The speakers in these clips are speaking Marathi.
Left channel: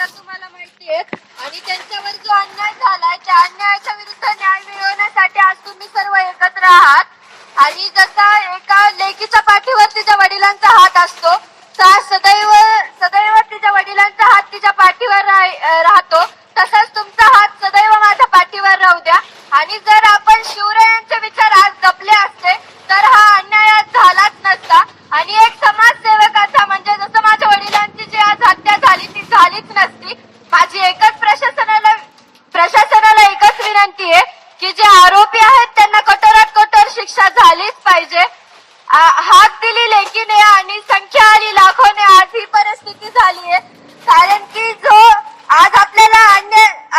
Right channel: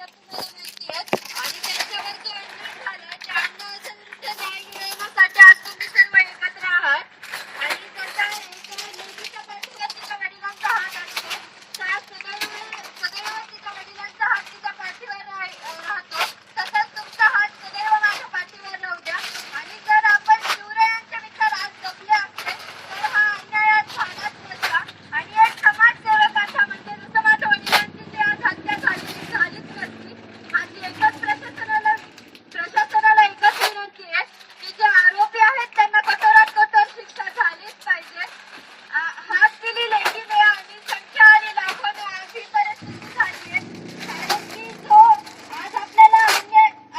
तर तुम्हाला माहिती आहे आणि त्यांच्यावर जो अन्याय झालाय त्या अन्यायाच्या विरुद्ध न्याय मिळवण्यासाठी आज तुम्ही सर्व एकत्र आहात आणि जसा एका लेकीच्या पाठीवर तिच्या वडिलांचा हात असतो सदैव सदैव तिच्या वडिलांचा हात तिच्या पाठीवर राहतो तसंच तुमचा हात सदैव माझ्या पाठीवर राहू द्या आणि जर आपण शिवरायांचे विचार आज जपले असते तर हा अन्याय आज झालाच नसता आणि एक समाजसेवकाचा म्हणजे जसं माझ्या वडिलांची जी आज हत्या झाली ती झालीच नसती. माझी एकच प्रशासनाला एकच विनंती आहे की जे आरोपी आहेत त्यांना कठोरात कठोर शिक्षा झालीच पाहिजे. हात दिली लेकीने आणि संख्या आली लाखोने आज ही परिस्थिती झाली आहे कारण की जो आज आपल्याला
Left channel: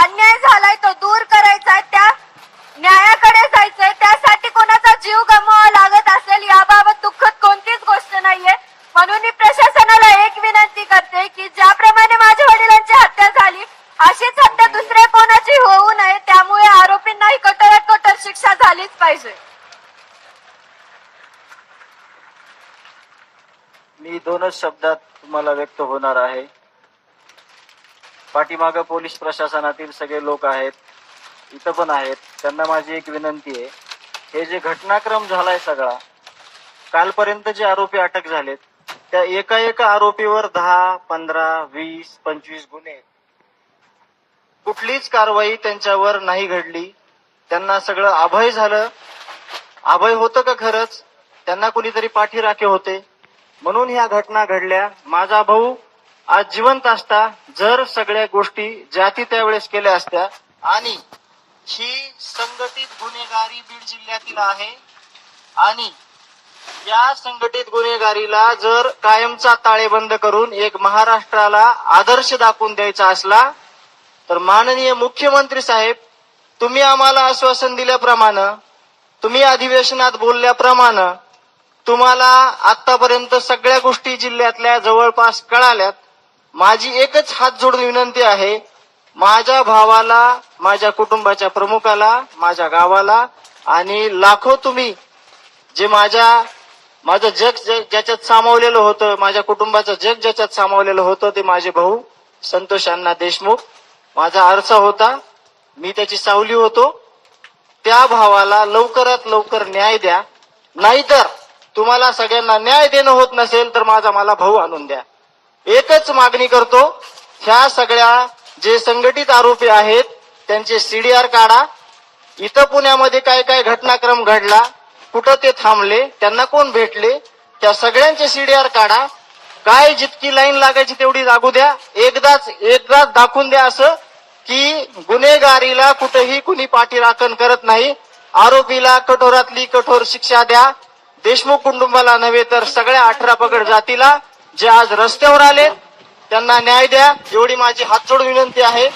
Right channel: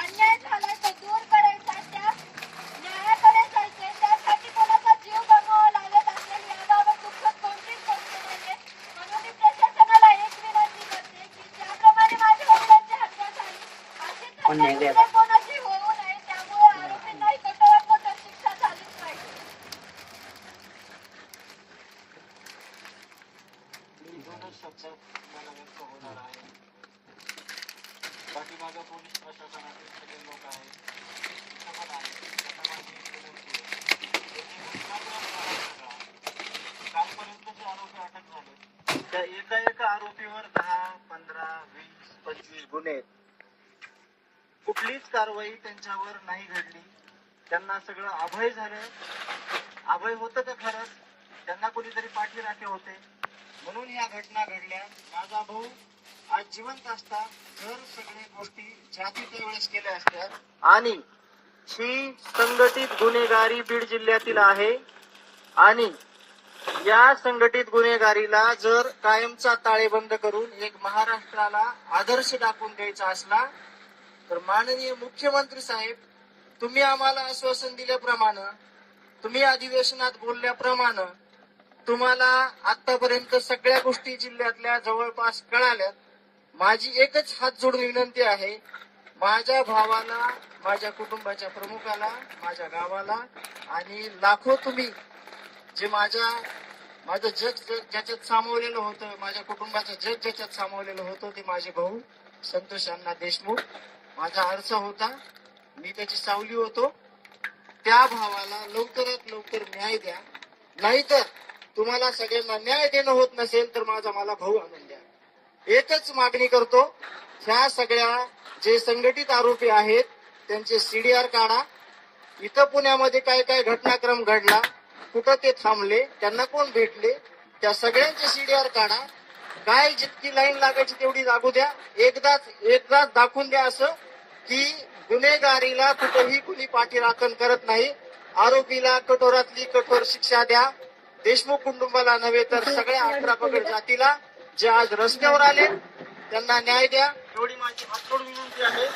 अन्याय झालाय तो दूर करायचा आहे त्या न्यायाकडे जायचंय त्यासाठी कोणाचा जीव गमवावा लागत असेल याबाबत दुःखद कोणतीच गोष्ट नाहीये. म्हणून मी प्रशासनाला एक विनंती करते की ज्याप्रमाणे माझ्या वडिलांची हत्या झाली अशीच हत्या दुसऱ्या कोणाची होऊ नये त्यामुळे आरोपींनाही कठोरात कठोर शिक्षा झालीच पाहिजे. मी दोनच शब्दात तुम्हाला व्यक्त होणार आहे. पाठीमागं पोलीस प्रशासनातील सगळे लोक आहेत, इथं पण आहेत, त्यांना माझी एक विनंती आहे. हे जे घटनाक्रम झालाय सगळा, कालपर्यंत जे आरोपी अटक झालेत त्या एका आरोपीवर 10, 15, 20, 25 गुन्हे, कुठलीच कारवाई त्यांच्यावर नाही घडली. त्यांना सगळं अभय झालं. अभय होतं का खरंच? त्यांना कुणीतरी पाठीराखे होते म्हणून ह्या घटना घडल्या. माझा भाऊ आज जिवंत असता जर सगळ्या गोष्टी ज्या ती त्यावेळेस केल्या असत्या आणि ही संघटित गुन्हेगारी बीड जिल्ह्यातील आहे आणि या संघटित गुन्हेगारीला जर कायमचा ताळेबंद करून एक महाराष्ट्राला आदर्श दाखवून द्यायचा असला तर माननीय मुख्यमंत्री साहेब तुम्ही आम्हाला आश्वासन दिल्याप्रमाणे तुम्ही अधिवेशनात बोलल्याप्रमाणे तुम्हाला आतापर्यंत सगळ्या गोष्टी जिल्ह्यातल्या जवळपास कळाल्यात. माझी एकच हात जोडून विनंती आहे, माझ्या भावाला, माझ्या कुटुंबाच्या प्रमुखाला, माझ्या गावाला आणि लाखो तुम्ही जे माझं जग ज्याच्यात सामावलेलं होतं, माझ्या कुटुंबाचं जग ज्याच्यात सामावलेलं होतं ते माझे भाऊ संतोष अण्णा देशमुख. माझा आरसा होता, मी त्याची सावली होतो. त्या भावाला लवकरात लवकर न्याय द्या, नाहीतर तुम्हाला सगळ्यांना न्याय देणं होत नसेल तर मला भाऊ आणून द्या. एकच मागणी करतो, ह्या सगळ्या जे संघटित आरोपी आहेत त्यांचे सीडीआर काढा. इथं पुण्यामध्ये काय काय घटनाक्रम घडला, कुठं ते थांबले, त्यांना कोण भेटले, त्या सगळ्यांचे सीडीआर काढा. काय जितकी लाईन लागायची तेवढी लागू द्या. एकदाच दाखवून द्या असं की गुन्हेगारीला कुठेही कुणी पाठीराखण करत नाही. आरोपीला कठोरातली कठोर शिक्षा द्या. देशमुख कुटुंबाला नव्हे तर सगळ्या 18 पगड जातीला जे आज रस्त्यावर आले त्यांना न्याय द्या. एवढी माझी हात जोडून विनंती आहे.